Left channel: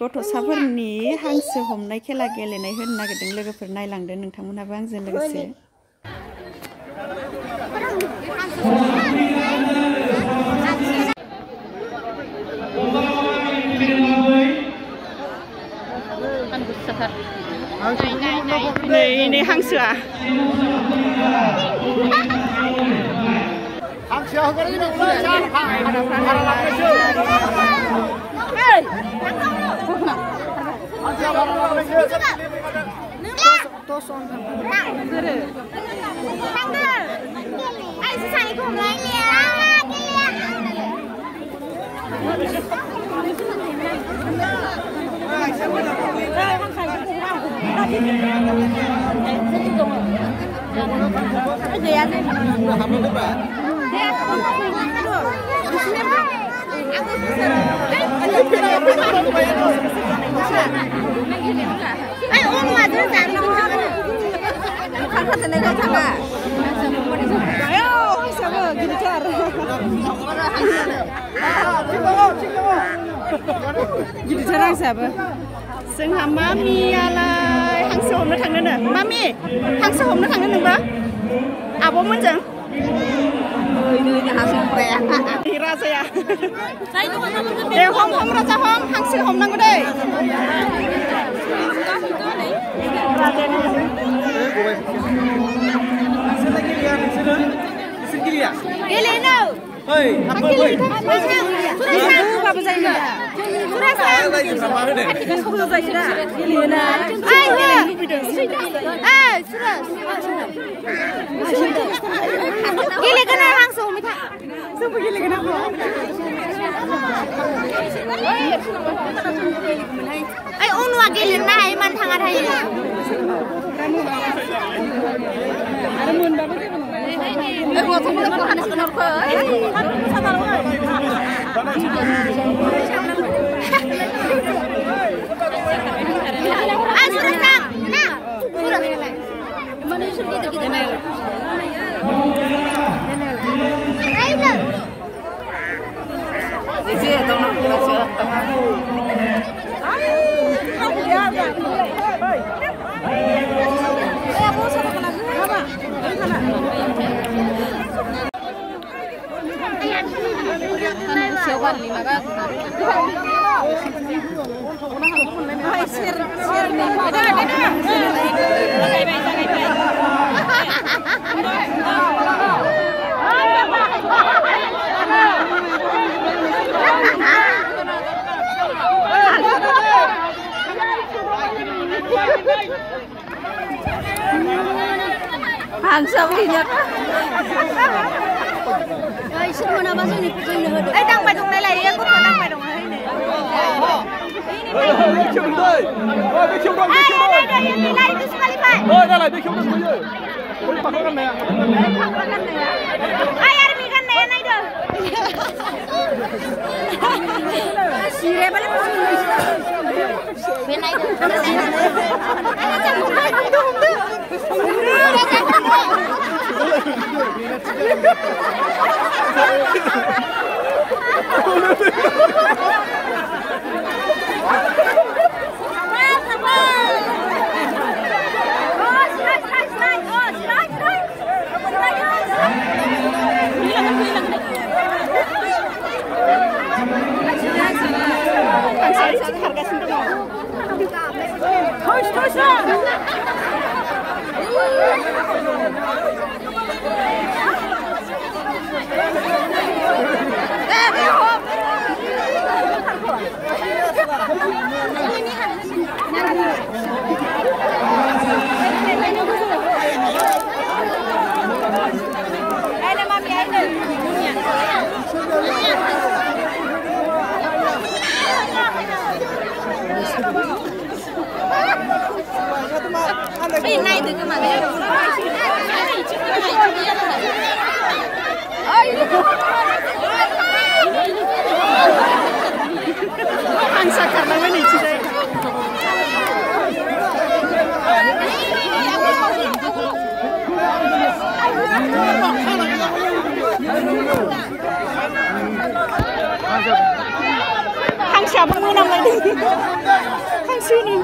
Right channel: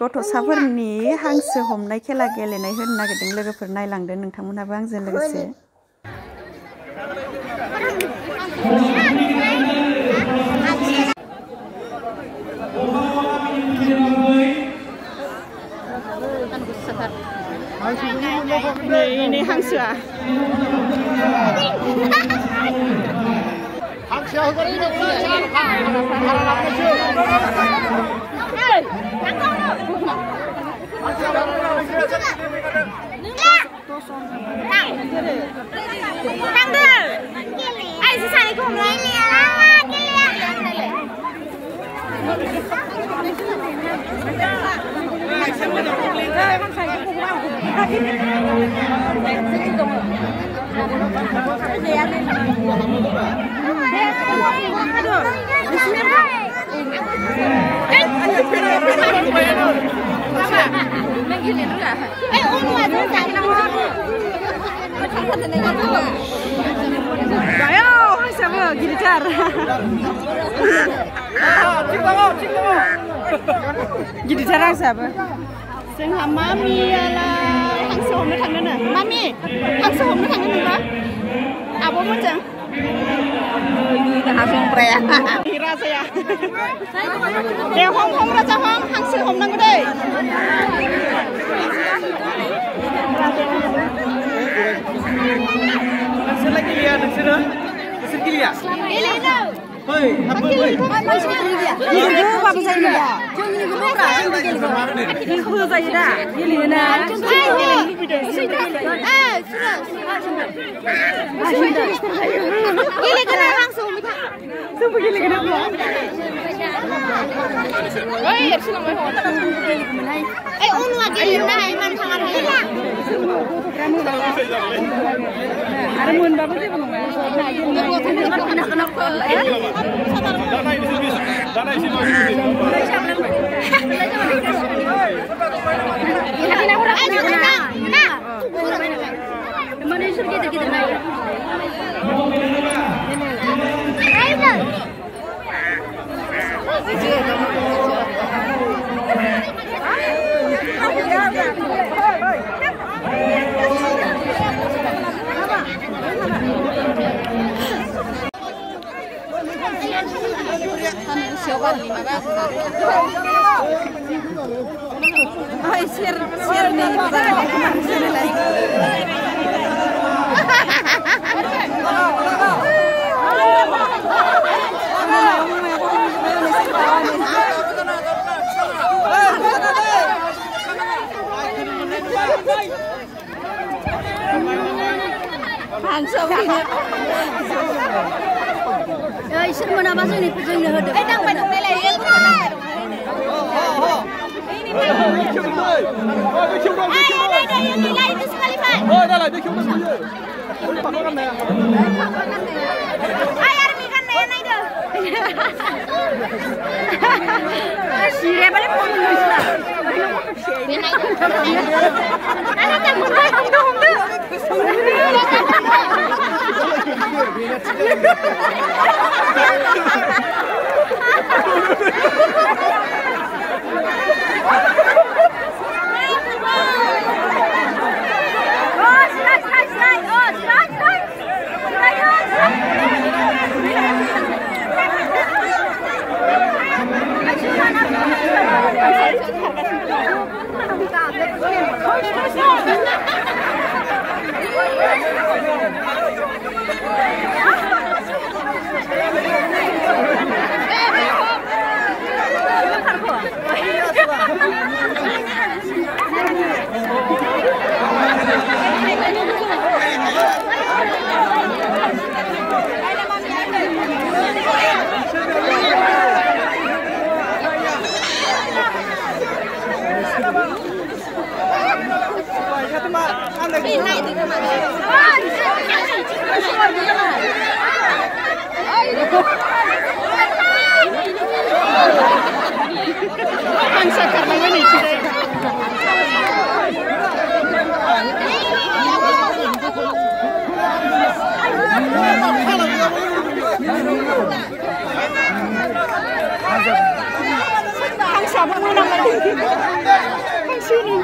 गथ'साफोरनि हांसो हमनाय खेला गेलेनाय होनो नागिरदों लोगोफोर नायलांदो नोंथांमोनाबो आंजों लोगोसे नै हांसोआ गिदिरथार हांसोआबो जोंहा मामियालाय हांसो हमनो थांनोनो मामि हांसो हमनो थांनो नोंबा आब'मोनजों राजाया दे हम राजा हम हांसो हमनांगौ दै हांसो खारलांबाय नैथिंजाय हांसोआबो मोनामलायदों sini.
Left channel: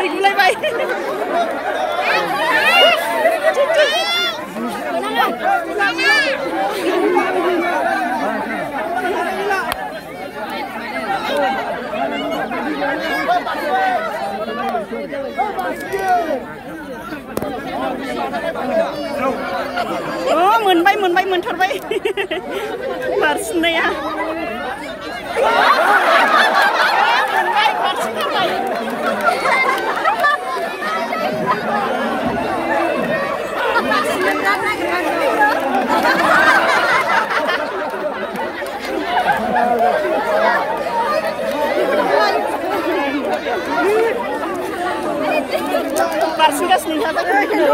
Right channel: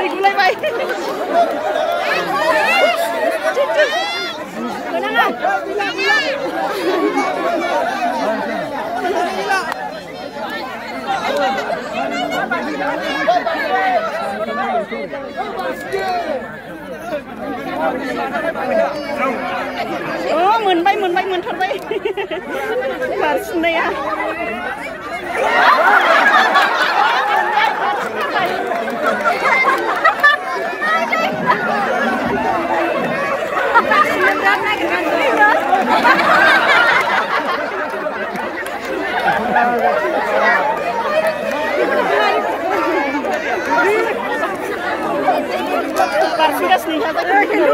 Gulay-gulay bay. Oh, moonbay moontharbay. Barsinaya. Moonbay barsintharbay. Parsigas nih kata gitu.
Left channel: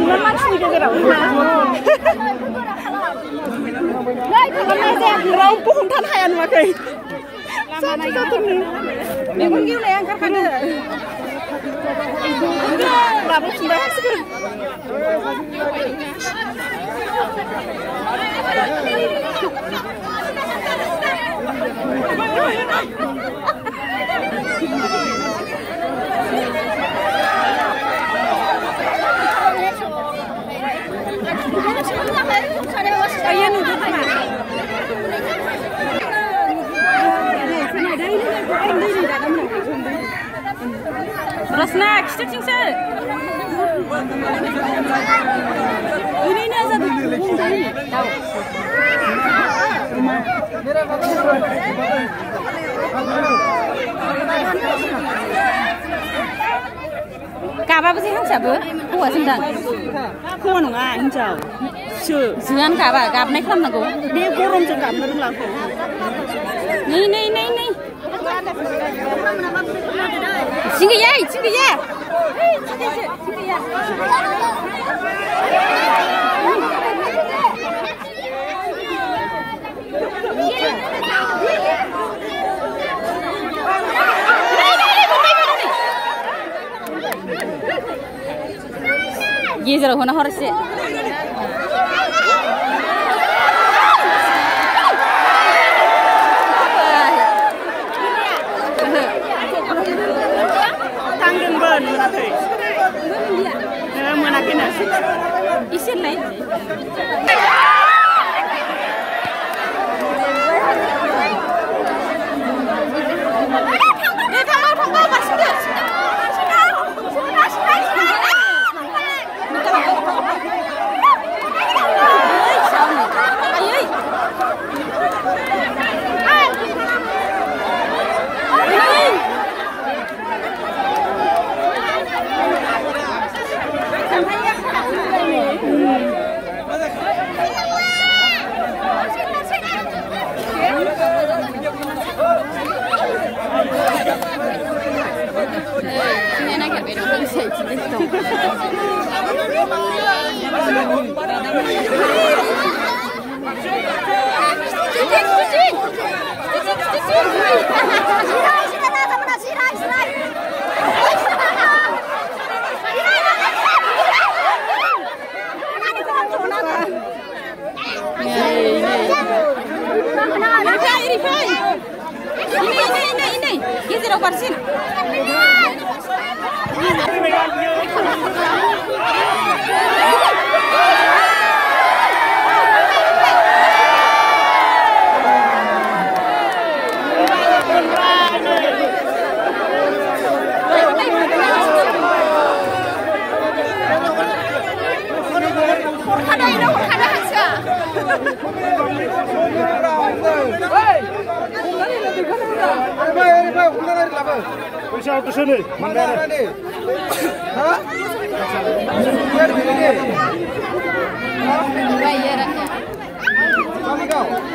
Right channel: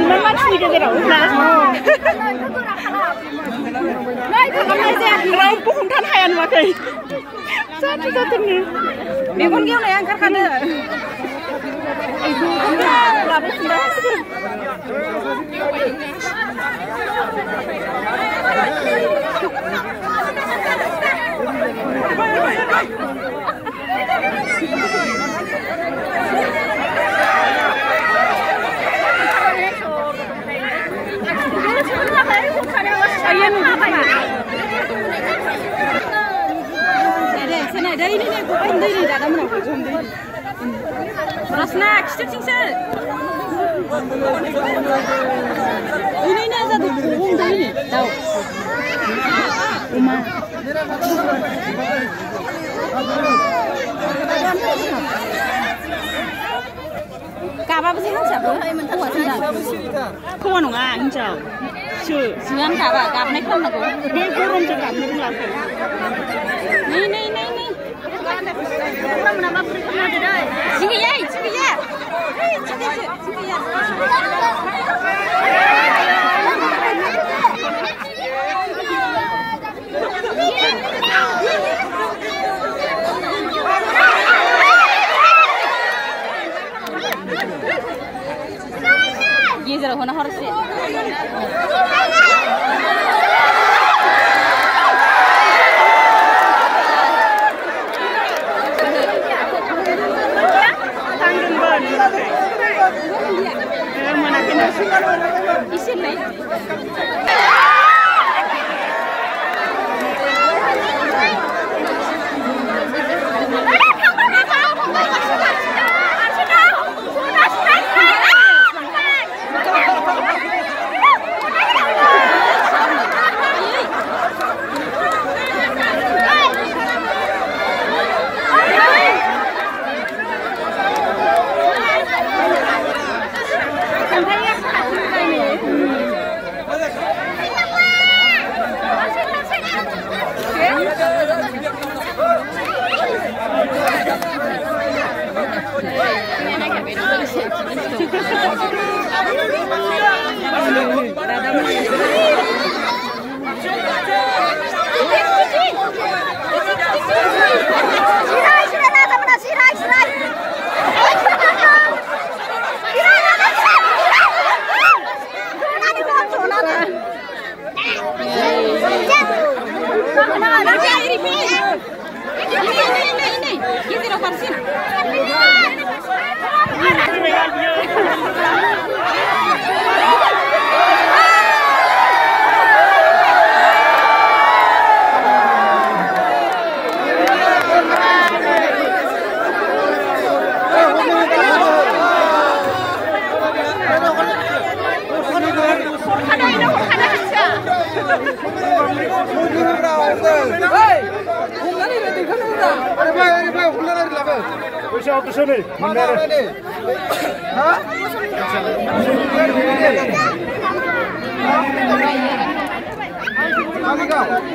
Iman mansini गेजेराव ना रावबो हमथानो हाया नुवाखै जाथोंनो मेगन गेवनाया ओंखारखादो लाबोफिनबाय हासिगोन Rasna, kita cingsa. Ini ni ada bumbung dah ini. Tahu. Kaba bersih kan siapa? Kuat sendang. Kuat nunggu hijau. Jangan kaba, kaba naik kan aku. Dia kurang cakap nurul aku. Ni. Sini ya. ये जरा होना हो रहा है tanggung mana kena isi lain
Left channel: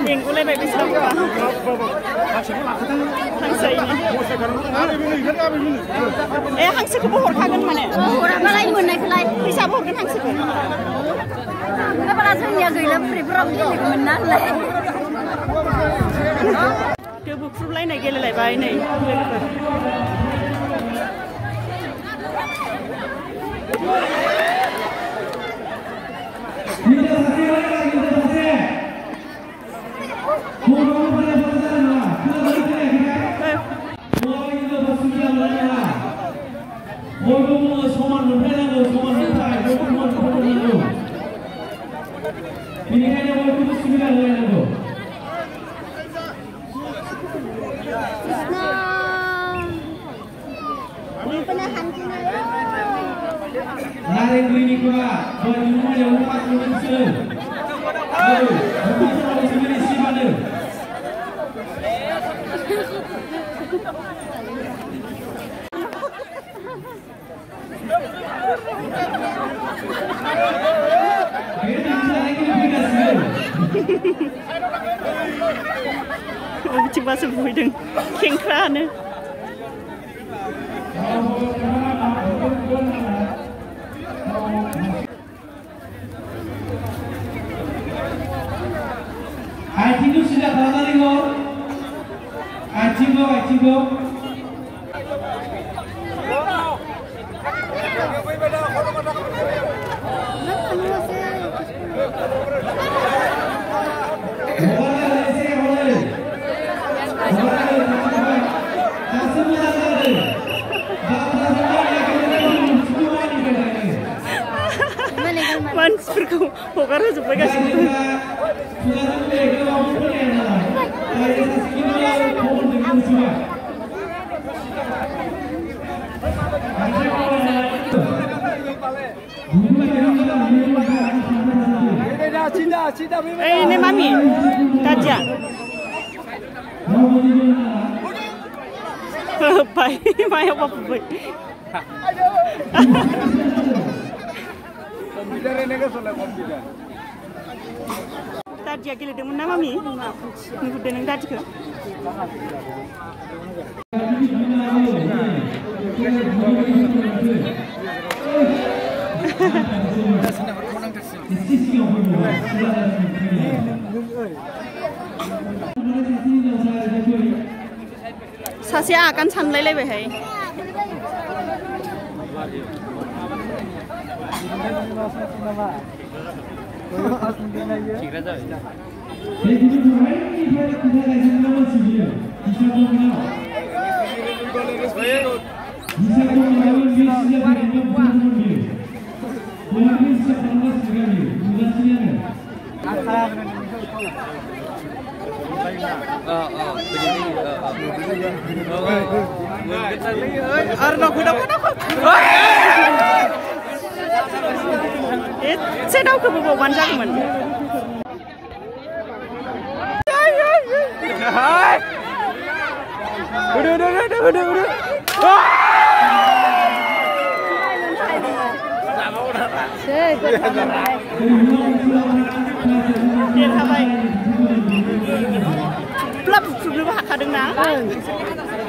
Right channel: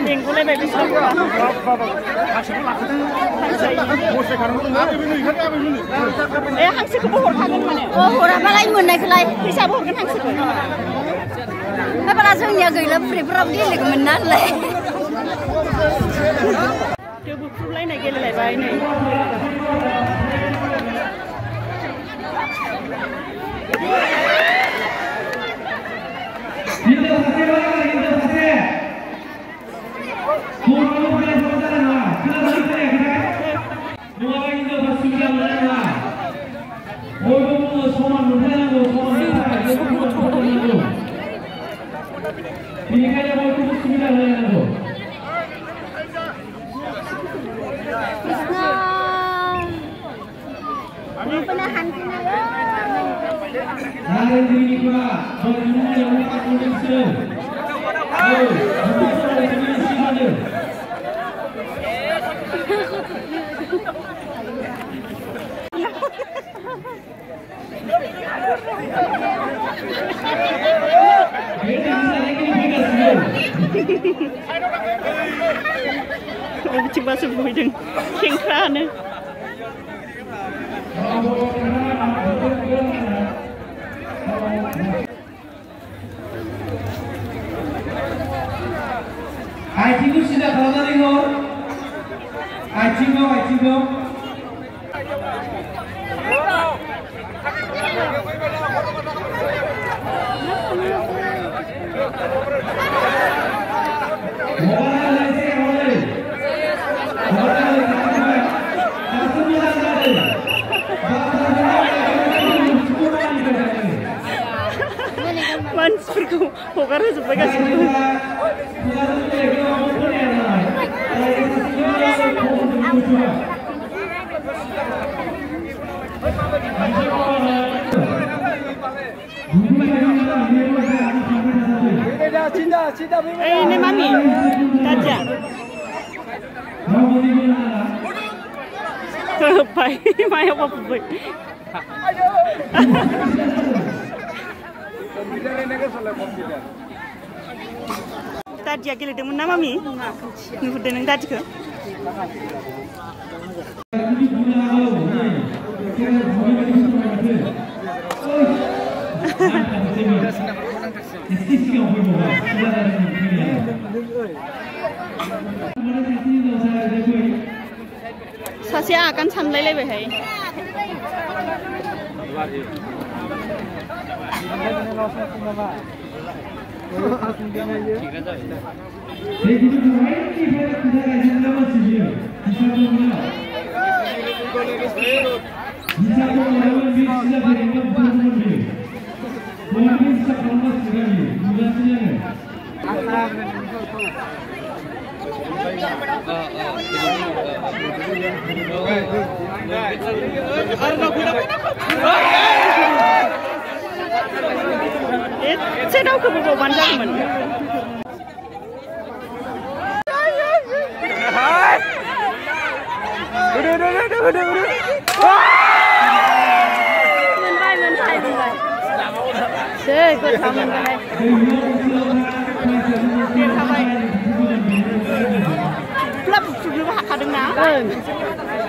Mengguलायबाय बिसोरबा हांसो ए हांसोखौबो हरखागोन माने हराबालाय मोननायखौलाय फैसाबो हरगोन हांसोखौ बारा जोंनिया गैला बुरैफोराव गेलेगौमोन नालाय बुख्रुबलायनाय गेलेलायबाय नै बिथिंबासो बुहैदों खेंख्रानो आथिंखौ सिदा खालामनानै हर आथिंखौ मानसिफोरखौ हगार होजोब्बाय गासिबो Ê, này mami, Tadja. Pai, mai apa pun. Tadja गेलेदोंमोन ना मामि? नुदों नों Tadjखौ? सासेया आगान सानलायलायबायहाय एसे दावखोबोबावबानो जागौमोन देरहाबाय ब्ला बुख्रुबनोबो हाखादोंना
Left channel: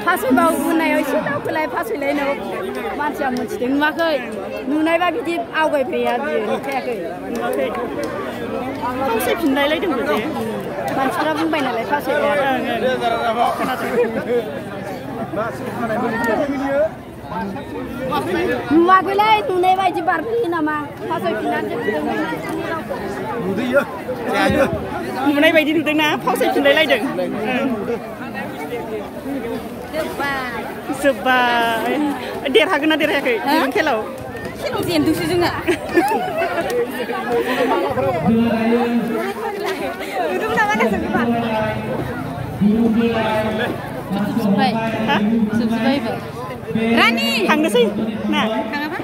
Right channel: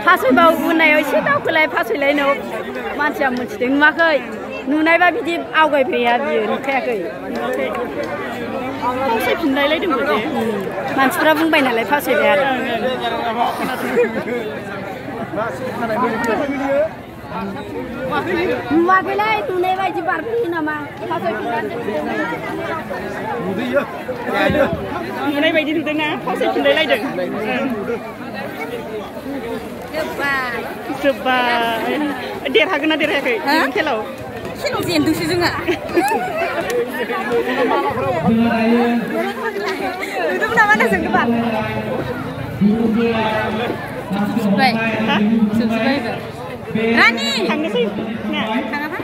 फासयबाव बुनायाव एसे दावखोलाय फासयलायनायाव मानसिया मोनथिदों नुवाखै नुनायबा बिदि आवगायफैया बियो नुखायाखै नुवाखै फावसायफिनलायलायदोंबो जे मानसिफ्रा बुंबाय नालाय फासयबाय आरो खोनादों नुवाखैलै नुनाय बायदि बारफैयो नामा नुनाय बायदि नुदोंना फावसायफिनलायलायदों जोब्बाय देरहागोन ना देरहायाखै खेलाव खेलाव जेनदोंसो जोंहा नुदोंमोन नामा ना जोंबा जोबजोब्बाय हा जोबजोब्बाय एबार रानि थांनोसै ना थाङाबा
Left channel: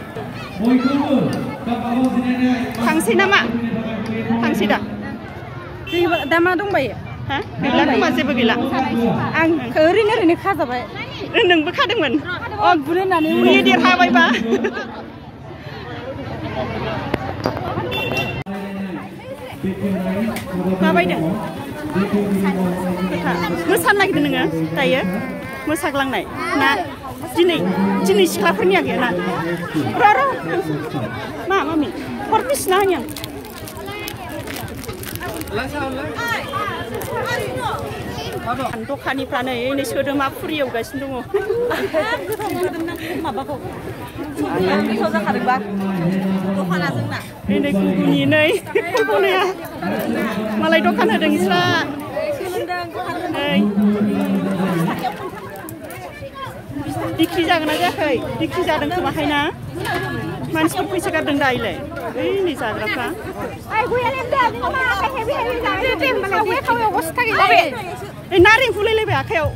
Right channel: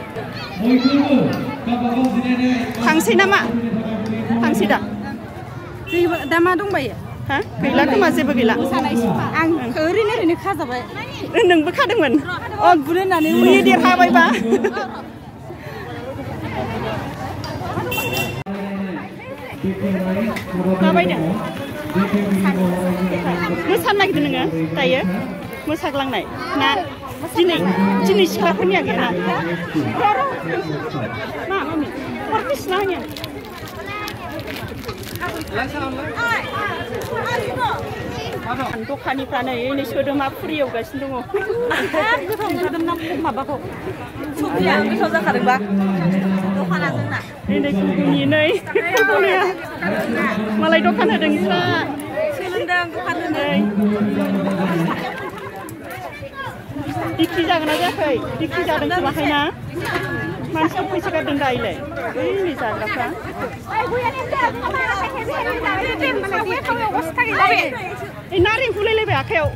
थांसै नामा थांसै दा दा मा दंबायो हा गैला खोमा जेबो गैला आं ओरैनो खाजाबाय नोंबो खादोंमोन अ बुनो होननानै उनाव देरहाबायबा माबायदों मोसानो नागिरदों नोङो दायो मोसाग्लांनाय ना दिनै सिख्लाफोरनिया गैया ना मा मामि हरबिसिना होनो दखानिफ्रानो नै सोदोमा फुरि एवगासिनो दङ नै गुगुनि नै फैबावनाया मालाय दखान होदों इस्रा बिक्रि जागोन ना जायाखै बिक्रि जादों खोमाहाय ना मानसिफोर फैसा गारदों दायोलाय बै नै जाग्राफ्रा नारें हुलायलायबाय आखायाव